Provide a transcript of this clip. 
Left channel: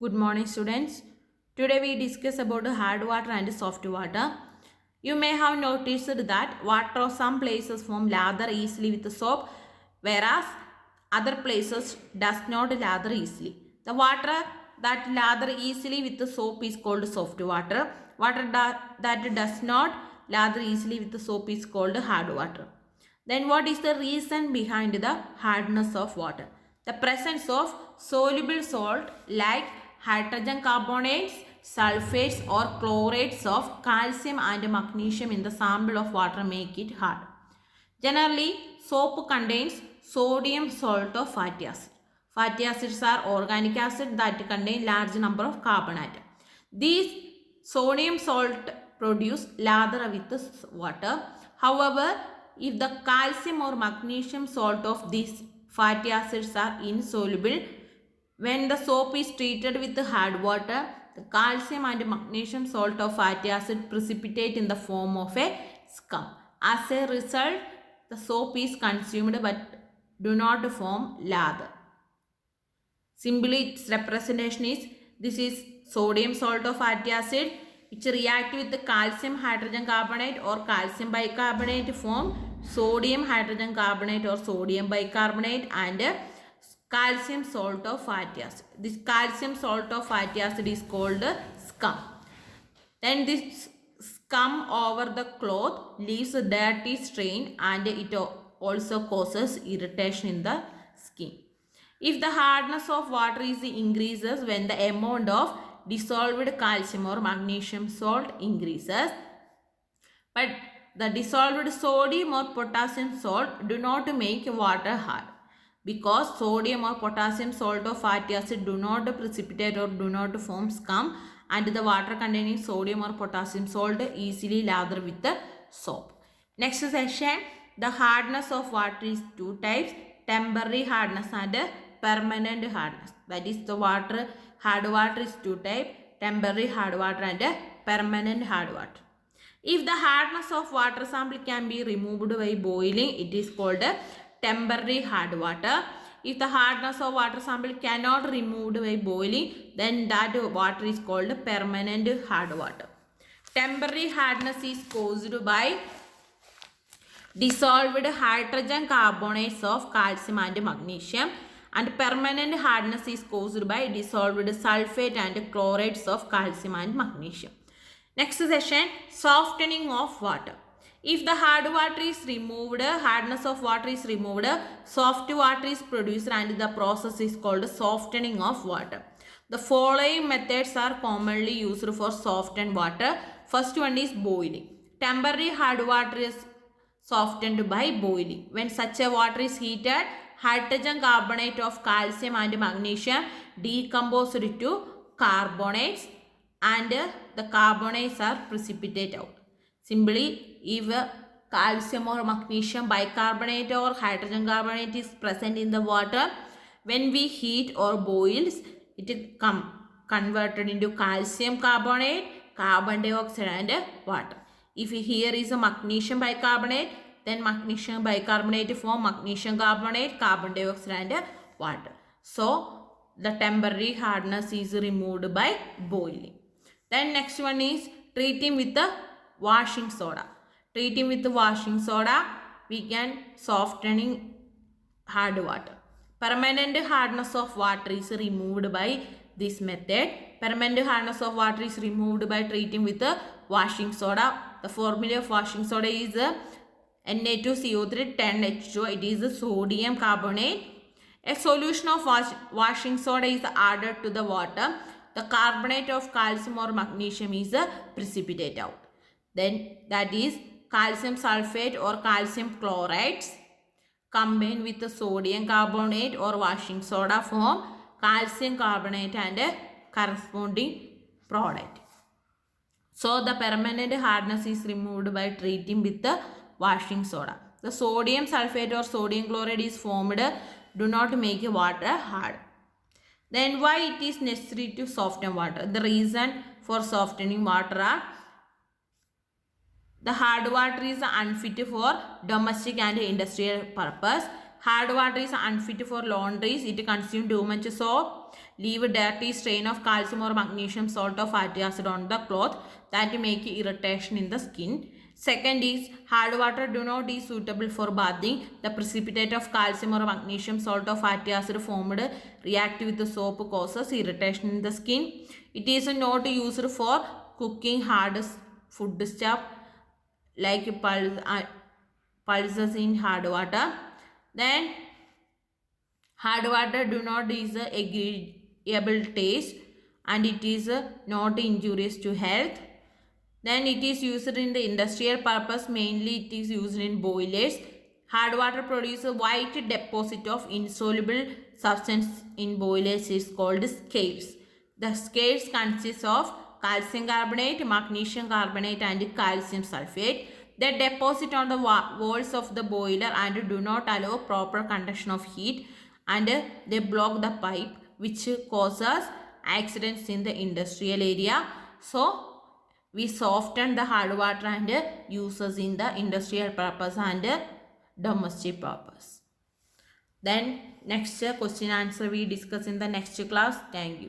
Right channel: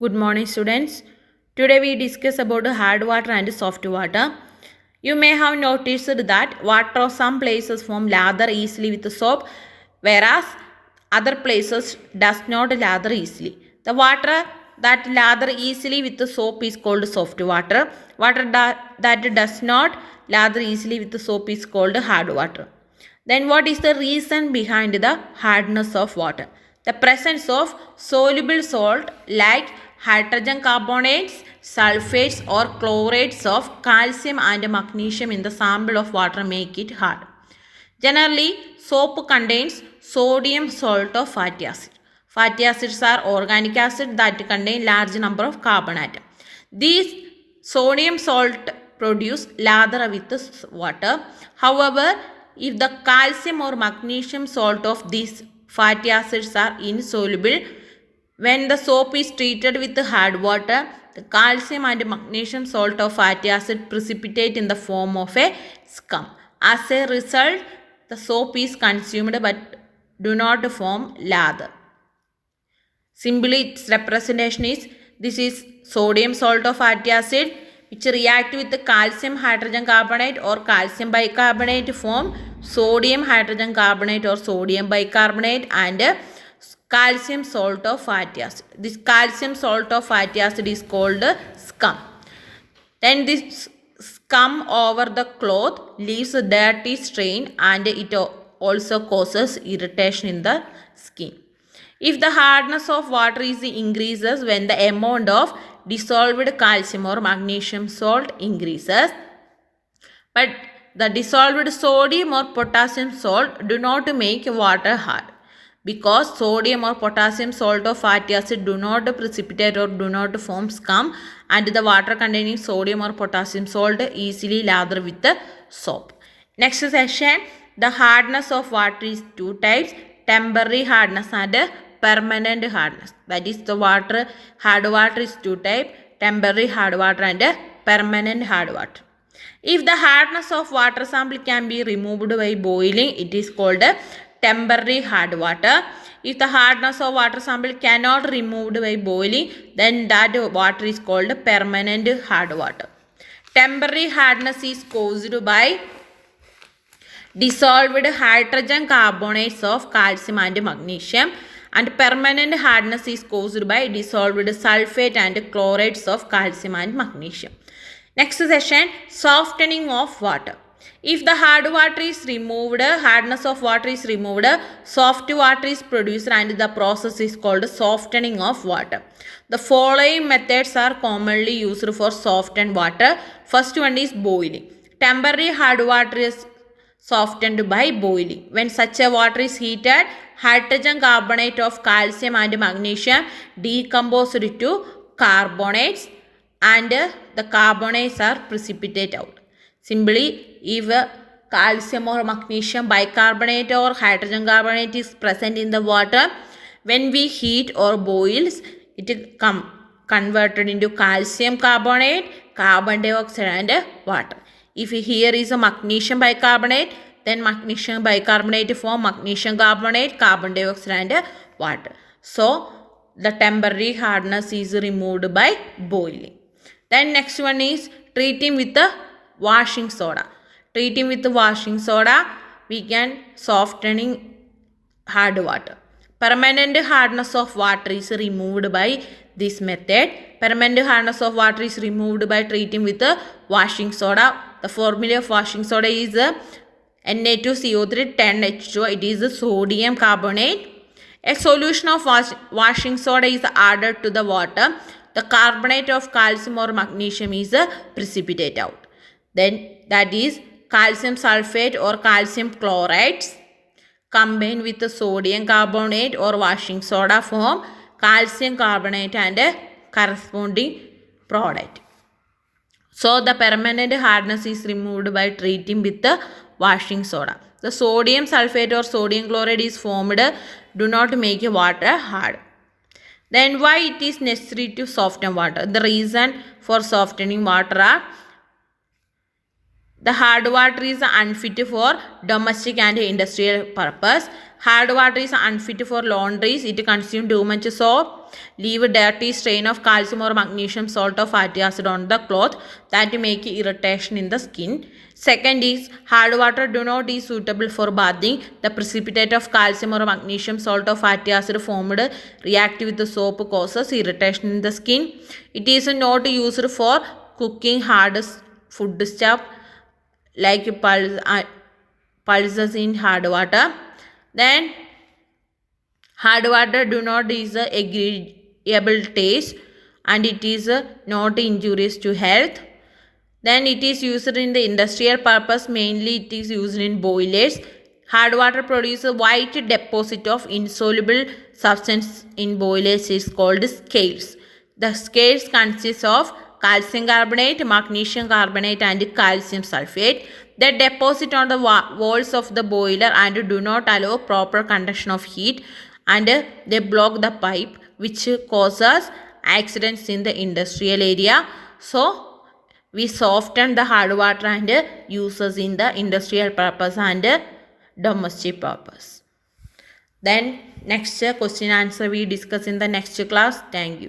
Good morning, students. Today we discuss about hard water and soft water. You may have noticed that water of some places form lather easily with soap, whereas other places does not lather easily. The water that lather easily with the soap is called soft water. That does not lather easily with the soap is called hard water. Then what is the reason behind the hardness of water? The presence of soluble salt like hydrogen carbonates, sulfates or chlorates of calcium and magnesium in the sample of water make it hard. Generally, soap contains sodium salt or fatty acid. Fatty acids are organic acid that contain large number of carbon atoms. These sodium salt produce lather with the water. However, if the calcium or magnesium salt of these fatty acids are insoluble, when the soap is treated with hard water, the calcium and magnesium salt of fatty acid precipitate in the form of a scum. As a result, the soap is consumed but do not form lather. Simply its representation is this is sodium salt of fatty acid which react with the calcium hydrogen carbonate or calcium bicarbonate form sodium hydrogen carbonate or sodium bicarbonate and calcium salt of fatty acid. This calcium salt of fatty acid is called scum. Then this scum over the cloth leaves a dirty stain and it also causes irritation in the skin. If the hardness of water is increases when the amount of dissolved calcium or magnesium salt increases, but the dissolved sodium or potassium salt do not make water hard because sodium or potassium salt or fatty acid do not precipitate or do not form scum and the water containing sodium or potassium salt easily lather with the soap. Next session, the hardness of water is two types, temporary hardness and permanent hardness. That is the hard water is two types, temporary hard water and permanent hard water. If the hardness of water sample can be removed by boiling, it is called temporary hard water. If the hardness of water sample cannot removed by boiling, then that water is called permanent hard water. Temporary hardness is caused by dissolved hydrogen carbonates of calcium and magnesium, and permanent hardness is caused by dissolved sulfate and chlorates of calcium and magnesium. Next session, softening of water. If the hard water is removed, hardness of water is removed, soft water is produced and the process is called softening of water. The following methods are commonly used for softened water. First one is boiling. Temporary hard water is softened by boiling. When such a water is heated, hydrogen carbonate of calcium and magnesium decomposed to carbonates and the carbonates are precipitate out. Simply, if calcium or magnesium bicarbonate or hydrogen carbonate is present in the water, when we heat or boils, it is converted into calcium carbonate, carbon dioxide and water. If here is a magnesium bicarbonate, then magnesium bicarbonate form magnesium carbonate, carbon dioxide and water. So, the temporary hardness is removed by boiling. Then next one is treating with the washing soda. Treating with the washing soda, we can softening hard water. Permanent hardness of water is removed by this method. Permanent hardness of water is removed by treating with the washing soda. The formula of washing soda is Na2CO3 10H2O. It is sodium carbonate. A solution of washing soda is added to the water. The carbonate of calcium or magnesium is precipitate out. Then that is calcium sulfate or calcium chlorides combined with the sodium carbonate or washing soda form calcium carbonate and a corresponding product. So the permanent hardness is removed by treating with the washing soda. The sodium sulfate or sodium chloride is formed do not make water hard. Then why it is necessary to soften water? The reason for softening water are the hard water is unfit for domestic and industrial purpose. Hard water is unfit for laundries. It consumes too much soap. leave a dirty stain of calcium or magnesium salt or fatty acid on the cloth that make irritation in the skin. Second is hard water do not is suitable for bathing. The precipitate of calcium or magnesium salt or fatty acid formed react with the soap causes irritation in the skin. It is not used for cooking hard food stuff like pulses in hard water. Then hard water do not is a agreeable taste and it is not injurious to health. Then it is used in the industrial purpose, mainly it is used in boilers. Hard water produces a white deposit of insoluble substance in boilers is called scales. The scales consist of calcium carbonate, magnesium carbonate and calcium sulfate. They deposit on the walls of the boiler and do not allow proper conduction of heat and they block the pipe which causes accidents in the industrial area. So we soften the hard water and uses in the industrial purpose and domestic purpose. Then next question answer we discuss in the next class. Thank you.